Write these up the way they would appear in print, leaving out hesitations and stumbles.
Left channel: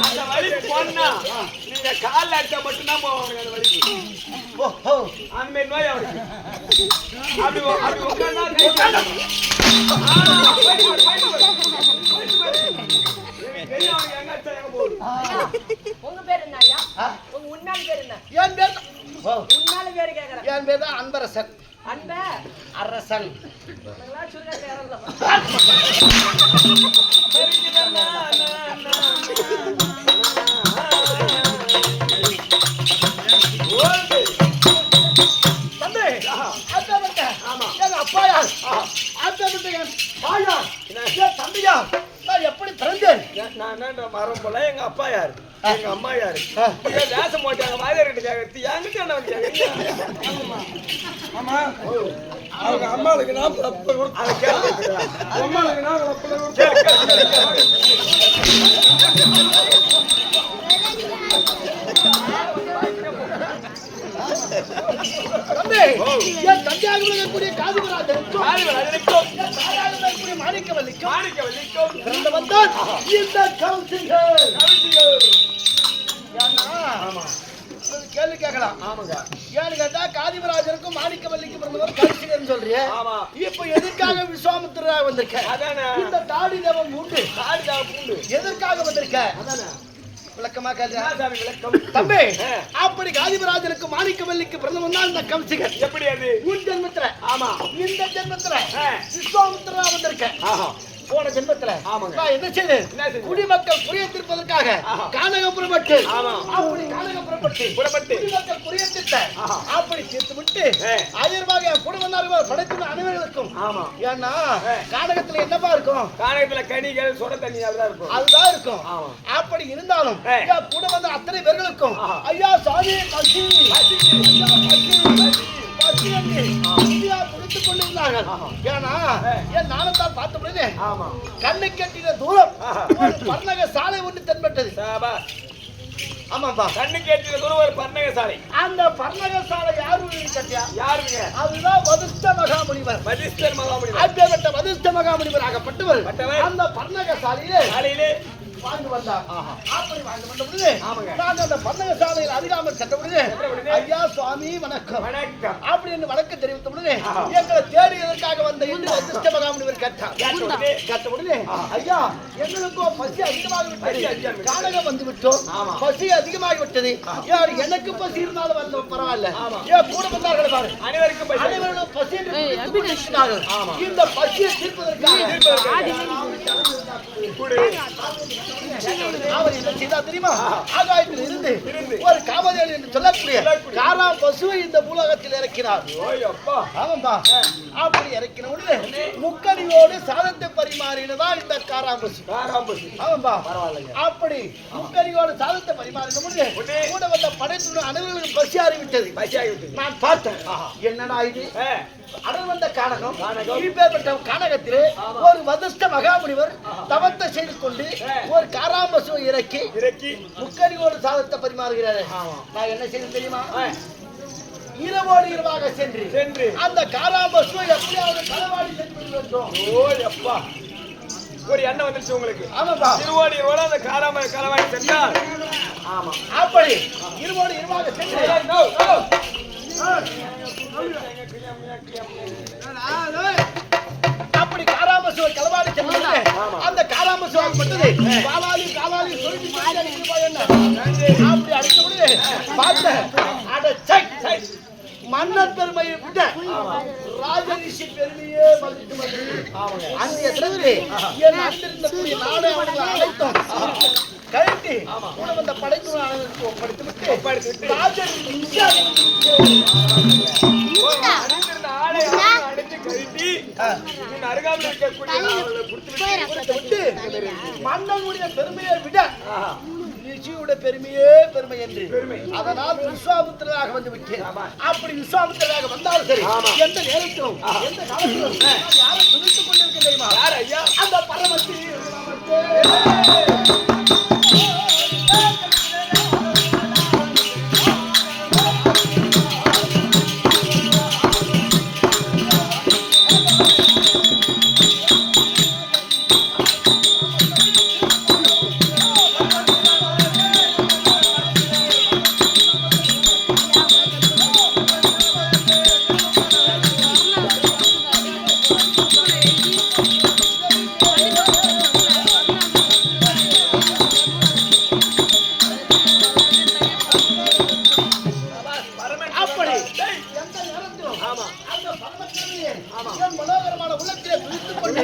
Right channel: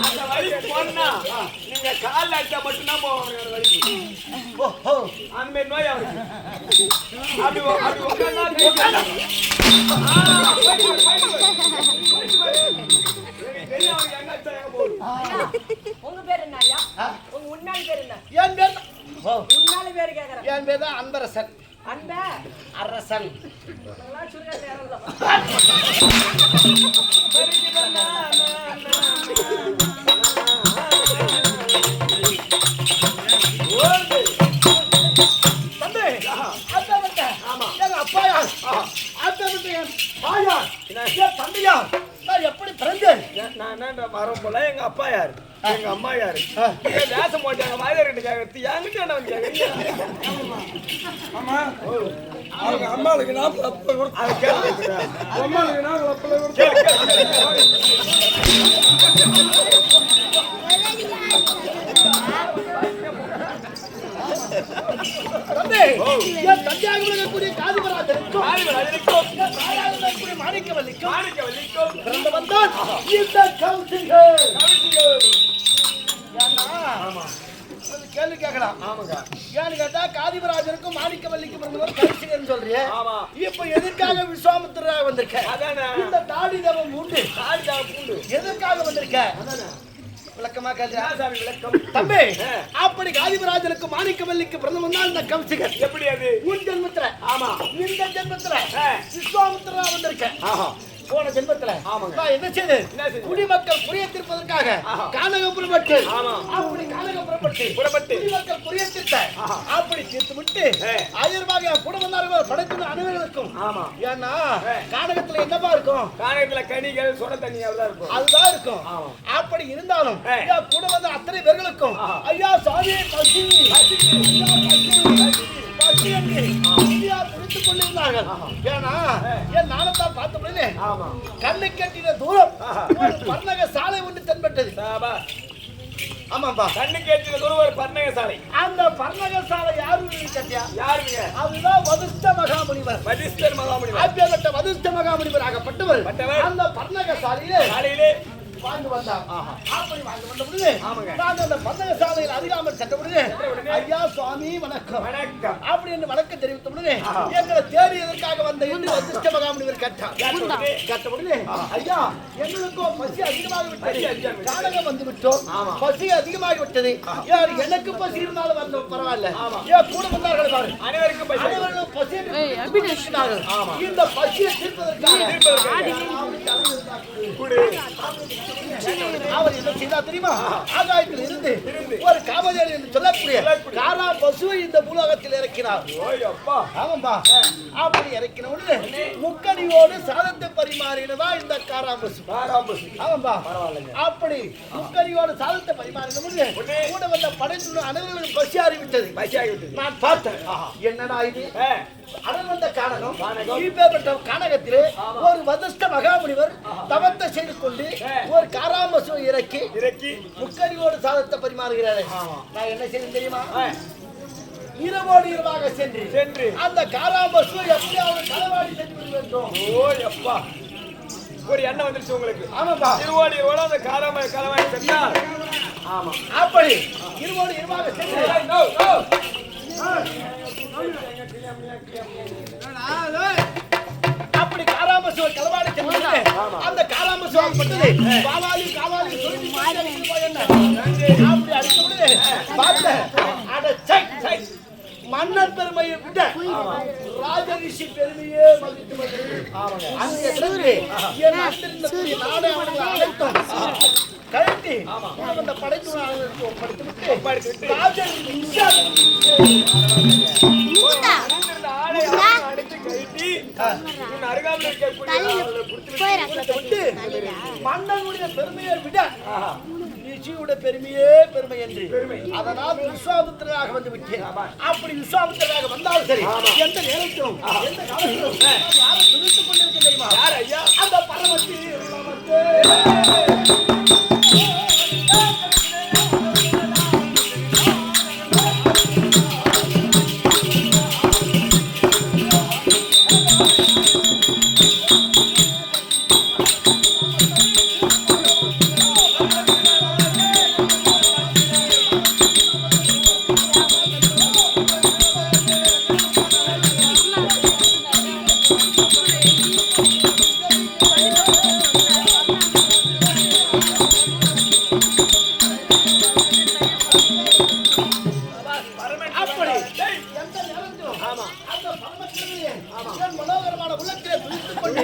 அந்த வழிக்கு போனா நீங்க கால் அடிச்சா மட்டும்தான் போவாங்க அந்த வழிக்கு. அந்த மாதிரி நோய் அவருக்கு அது அது உட்கார்ந்தா உங்க பேர் என்ன ஐயா? உங்க உன்னால பேர் என்ன? என் பேர் உன்னால பேர் கேக்குறேன். என் பேர் தான் அன்பரசன். அன்ப அரசன். எப்படி பிறந்தேன்? நான் மரம் போல எங்க அப்பா யாரு எங்க அம்மா யாரு வேஷம் போட்டாங்க வாயிலிட்டு கேட்கறது என்கிட்ட என்ன கேட்கறீங்க? ஆமா அவங்க அம்மாளுக்கு நான் அதை கேட்க அம்மாளுக்கு நான் கேள்வி கேட்கலாம். ஏன்னு கேட்டா காதிபராஜனுக்கும் மாணிக்கவல்லிக்கும் பிறந்தவர் கரிசிகன் சொல்றியே. இப்ப எதற்காக விஸ்வாமித்திரராக வந்திருக்க? இந்த தாடி தேவம் உண்டு. எதற்காக வந்திருக்க? விளக்கமா கேள்வி விளக்கம் தம்பி. அப்படி காதிபராஜனுக்கு மாணிக்கவல்லிக்கு பிரதமன் தான் இந்த கௌசிகன். எப்படி அது? உன் ஜென்மத்துல. ஆமா. இந்த ஜென்மத்துல விஸ்வாமித்திரரா வந்திருக்க. போன ஜென்மத்துல என்ன செய்து குடிமக்கள் புரியத்திருப்பதற்காக கானகபுரப்பட்டு அப்படி கானகபுரப்பட்டு குடிமக்கள் புரியத்திட்ட அப்படி தீர்த்து விட்டு ஆயிரமாக குடும்பத்தார்கள் படைத்துள்ள அனைவர்களுக்கும். ஏன்னா கானகத்துல என்னப்பா இருக்கும்? கானகத்துல கனிகள் சொட தண்ணி இருக்கும், அதுதான் இருக்கும். அப்படி இருந்தாலும் கூட வந்த அத்தனை பேர்களுக்கும் ஐயா சாமி பசி பசி என்று புரித்துக் கொண்டிருந்தார்கள். ஏன்னா என் நாணத்தால் பார்த்த உடனே கண்ணை கட்டின தூரம் ஒரு பர்ணக சாலை ஒன்று தென்பட்டது. ஆமாப்பா, கண்ணு கேட்டின தூரம் ஒரு பர்ணக சாலை. அந்த பர்ணக சாலை யாரு கட்டியா? யாருங்க? அதுதான் வதிஷ்ட மகாமுனிவர். வதிஷ்டர் மகாமுனிவர். அப்பேற்பட்ட வதிஷ்ட மகாமுனிவர் ஆகப்பட்டவர் அந்த பர்ணக சாலையிலே வாழ்ந்து வந்தார். அப்படி வாழ்ந்து வந்த பொழுது நாங்கள் அந்த பர்ணக சாலையில் அதிகாமல் சென்ற பொழுது ஐயா சுவாமி வணக்கம் அப்படி என்று வணக்கம் தெரிவித்த பொழுது எங்களை தேடியதற்காக வந்த என்று வதிஷ்ட மகாமுனிவர் கேட்டார். கேட்ட பொழுது ஐயா எங்களுக்கும் பசி அதிகமாக விட்டது, கானகம் வந்து விட்டோம், பசி அதிகமாகி விட்டது. யார் எனக்கு பசி இருந்தாலும் வந்து பரவாயில்ல, ஏன் கூட வந்தார்கள் பாரு, அனைவருக்கும் பசி என்று இந்த பசியை தீர்ப்பதற்காக அவர் என்ன செய்தா தெரியுமா? ஆகாயத்தில் இருந்து ஒரு காமதேனு என்று சொல்லக்கூடிய காராம் பசுவை இந்த பூலோகத்தில் இறக்கினார். ஆமாம்பா, அப்படி இறக்கின உடனே முக்கணியோடு சாதத்தை பரிமாறினதா இந்த காராம் பசு. ஆமாம்பா, அப்படி முக்கணியோடு சாதத்தை பரிமாறின உடனே கூட வந்த படைத்துடன் அனைவர்களும் பசி ஆகிவிட்டது. நான் பார்த்தேன், என்னடா இது அடல் வந்த கானகம். கானகத்திலே ஒரு வதிஷ்ட மகாமுனிவர் தவத்தை செய்து கொண்டு ஒரு காராம்பசுவை இறக்கி முக்கணியோடு சாதத்தை பரிமாறுகிறாரு. நான் என்ன செய்ய தெரியுமா? இரவோடு இரவாக சென்று அந்த காராம்பசுவை எப்படியாவது களவாடி சென்று வேண்டும். ஓ எப்பா, ஒரு எண்ணம் வந்துருச்சு உங்களுக்கு. ஆமாப்பா, இருவோடு இரவோடு அந்த களவாடி சென்றார். ஆமா, அப்படி இருவோடு இரவாக சென்று அப்படி காராமசுவை களவாடி சென்று அந்த காராமசு ஆகப்பட்டது காவாலி சொல்லி அப்படி அடித்த பொழுது பார்த்த மன்னர் பெருமையை விட ராஜரிஷி பெருமையே மதித்து அந்த இடத்திலே என் அங்கிருந்தக்கூடிய நாடு அவர்களை அழைத்தோம் கழட்டி கூட வந்த படைத்துறை அளவிற்கு ஒப்படைத்து மன்னனுடைய பெருமையை விட ரிஷியோட பெருமையே பெருமை என்று அதனால் விஸ்வாமித்திரராக வந்து விட்டேன். அப்படி விஸ்வாமித்திரராக வந்தாலும் சரி எந்த நேரத்திலும் எந்த காலத்திலும் யாரை துதித்துக் கொண்டிருக்க தெரியுமா? யார் ஐயா? அந்த பரமத்தி மனோகரமான உள்ளத்திலே துதித்துக் கொண்டு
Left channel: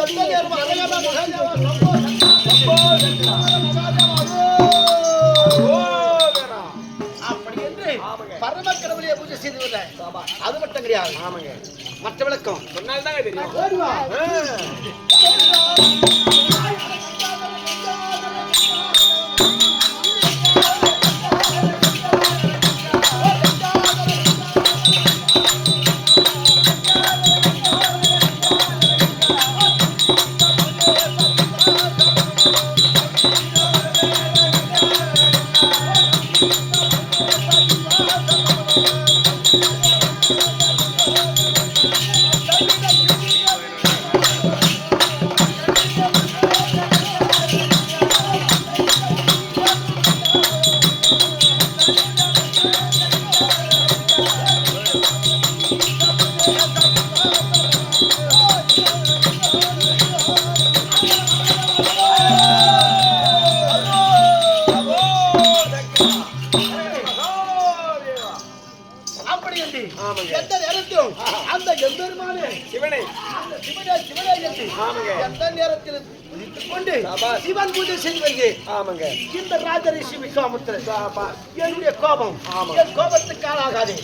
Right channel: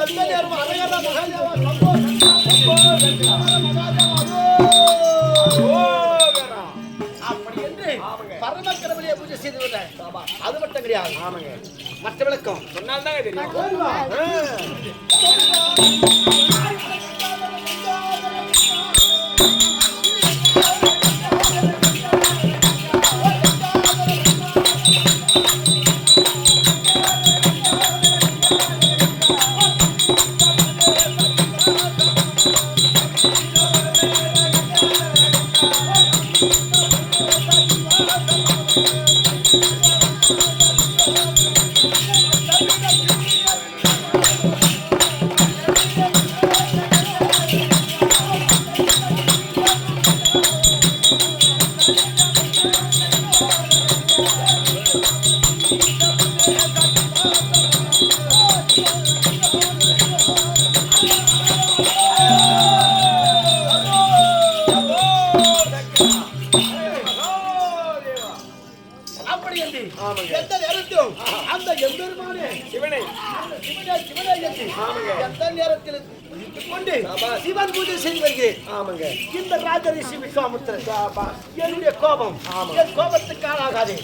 எந்த நேரம் அழகான மகாதேவா சம்போ அப்படி என்று பரமக்கடவுளையே பூஜை செய்து விடுறேன். அது மட்டும் கிடையாது. ஆமாங்க. மற்ற விளக்கம் சொன்னால்தாங்க தெரியும். எந்த நேரத்திலும் அந்த எம்பெருமானே சிவனை அந்த சிவனை என்று எந்த நேரத்தில் கொண்டு சிவன் பூஜை செய்து வருகிறேன். ஆமாங்க. இந்த ராஜரிஷி விஸ்வாமித்திரன் என்னுடைய கோபம் என் கோபத்துக்கு ஆளாகாது.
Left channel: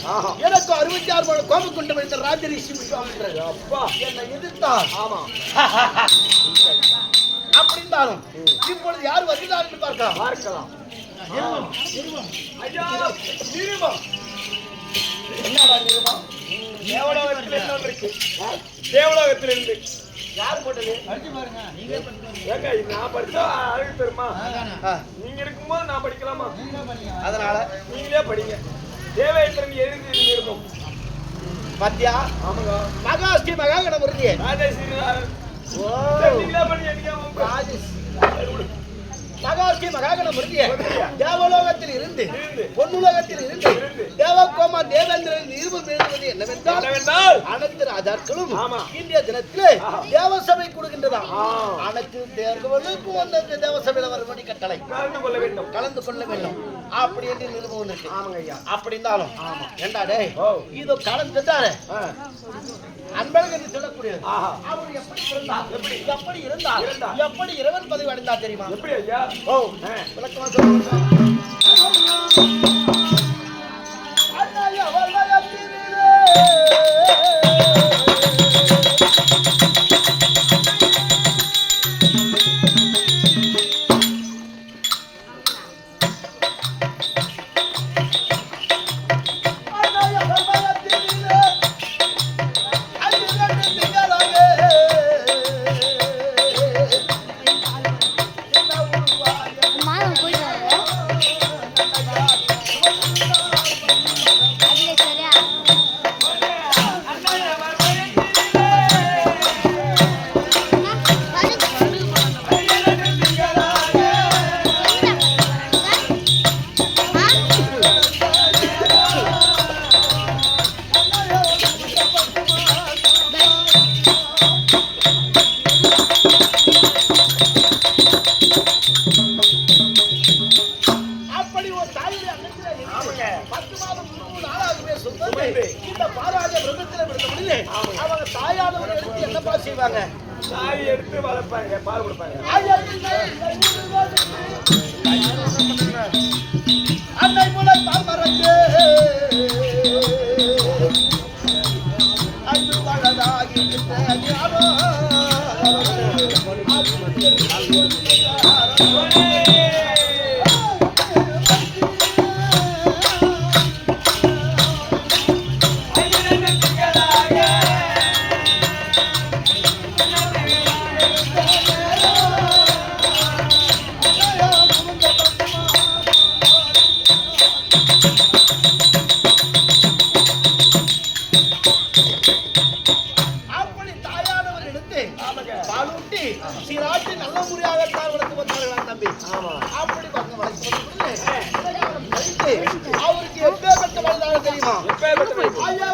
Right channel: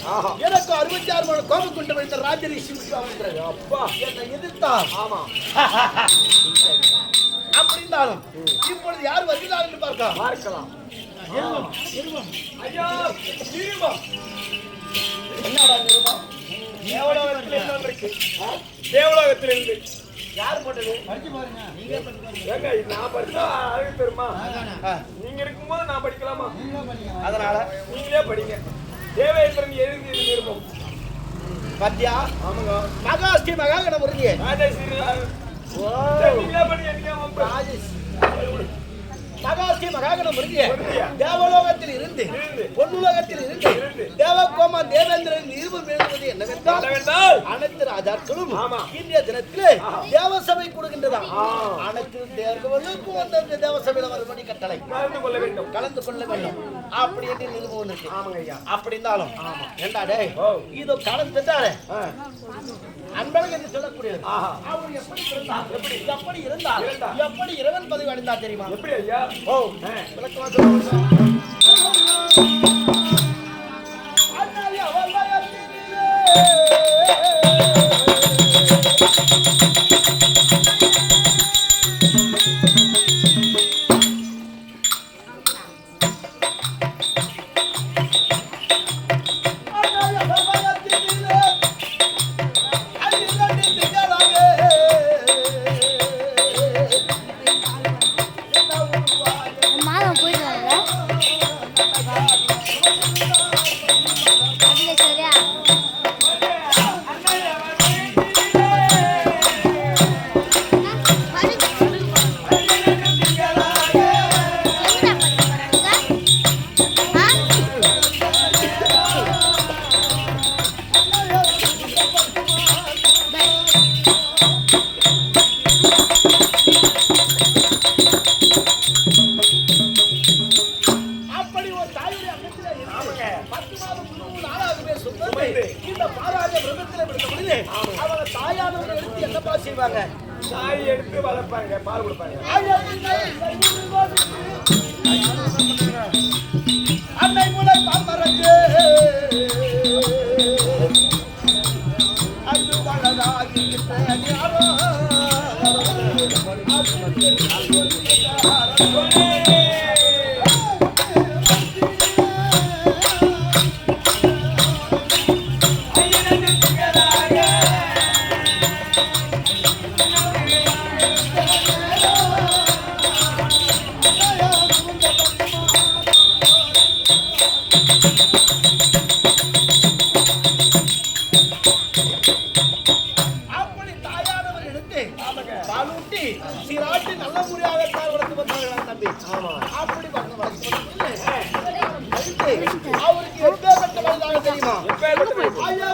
எனக்கு 66 மணி கோபம் கொண்டு வந்த ராஜரிஷி விஸ்வாமித்திரன் அப்பா என்னை எதிர்த்தார். ஆமா. அப்படி இருந்தாலும் இப்பொழுது யார் வருகிறார் என்று பார்க்கலாம். ஐயா நிருபம் என்னடா நிருபம்? தேவலோகத்தில் என்ன வந்திருக்கு? தேவலோகத்தில் இருந்து யார் போட்டது? ஏங்க நான் படிச்சா அழகு பெருமா? நீங்க இருக்கும்போது நான் படிக்கலாமா? அதனால நீங்களே படிங்க. தேவேந்திரன் எழுதி நிருபம் பாத்தியா? ஆமாங்க. மகாஸ்ரீ மகாகணம் வருது. ராஜஸ்ரீ நீங்களே படிங்க. நீங்க ராஜஸ்ரீ மகாஸ்ரீ மகாகணம் வருது. தேவலோகத்தில் இருந்து பொன்னுலகத்தில் இருந்து தேவகோமா தேவேந்திரன் நிருபம் எழுதுவது என்னவென்றால் அனைத்து ராஜாக்களும் இந்திய தினத்திலே தேவசபை கொடுக்கின்றதாம். அனைத்து தேவர்களுக்கும் வந்து தேவசபையில் வரும்படி கட்டளை கலந்து கொள்ள வேண்டும் அப்படி என்று நிருபம் வந்திருக்கு. ஆமாங்க ஐயா. அப்படி இருந்தாலும் ஏண்டா டேய் இதோ கலந்துட்டாரு அன்பழகன் என்று சொல்லக்கூடியது. அவர் எப்படி பிறந்தார்? எப்படி இருந்தார்? எப்படி இறைவன் பதவி அடைந்தார் தெரியுமா? எப்படி ஐயா? ஓ விளக்கமா சொல்லுங்க. இந்த பாராஜ பிரம்மத்திலே விடுத்த முடியல அவங்க தாயானவரை எடுத்து என்னப்பா செய்வாங்க? சாய் எடுத்து வளர்ப்பாங்க, பால் கொடுப்பாங்க. அன்னை முளை பால் மறந்து அன்பு வளதாகிக்கிட்ட அப்படி தாயானவர் எடுத்து பாலூட்டி சீராட்டி நல்ல முறையாகத்தான் வளர்த்து வந்தார்களாம் தம்பி. அப்படி வளர்த்து அவருக்கு எப்பேற்பட்ட வயதாக தெரியுமா? ஐயா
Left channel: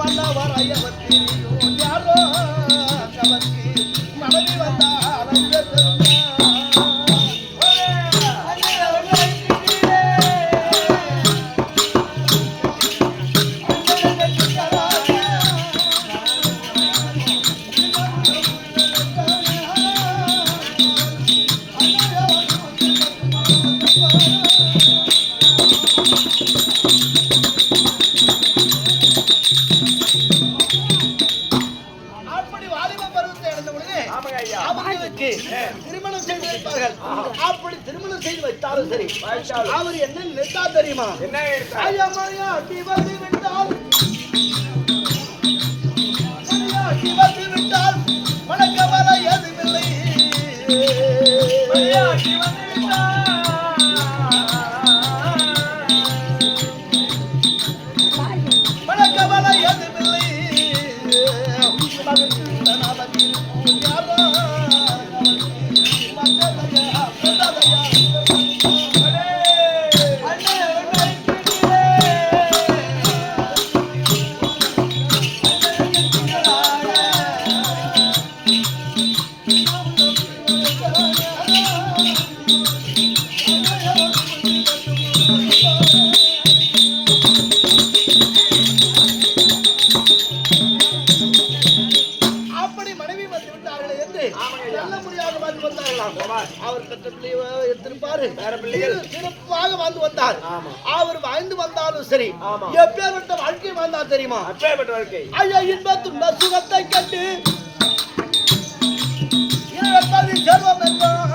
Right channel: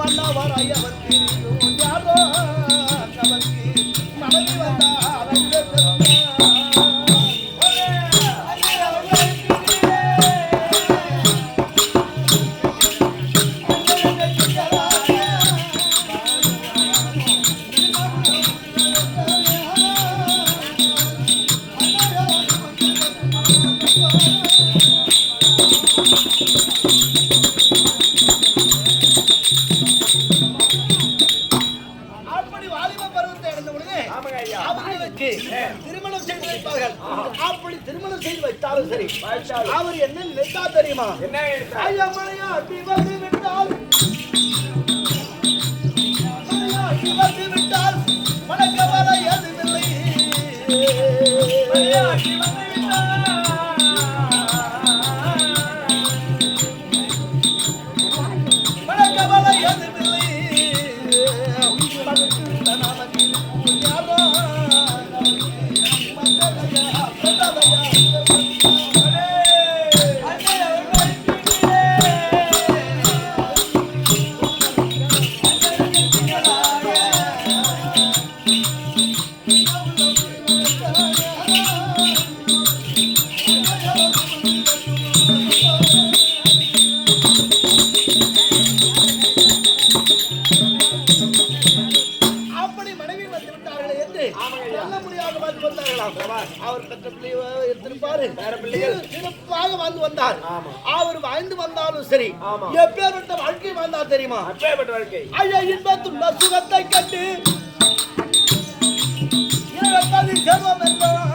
மன்னவரையவர் தெரியும் யாரோ கவர்ச்சி மனைவி வந்தால் அவர்களுக்கு திருமணம் செய்து வைப்பார்கள். அப்படி திருமணம் செய்து வைத்தாலும் சரி, அவர் என்ன நினைத்தா தெரியுமா? அடி வந்து விட்டால் மனக்கவலை எதுவில்லை. மனக்கவலை எதுவில்லை. மகிழ்ச்சியுடன் அவர் இருக்கும் யாரோ அவர் பெற்ற பிள்ளையை எடுத்திருப்பாரு. சிறப்பாக வாழ்ந்து வந்தார். அவர் வாழ்ந்து வந்தாலும் சரி, எப்பேற்பட்ட வாழ்க்கை வாழ்ந்தார் தெரியுமா? ஐயா இன்பத்துள்ள சுகத்தை கண்டு செல்வம் என்றார்.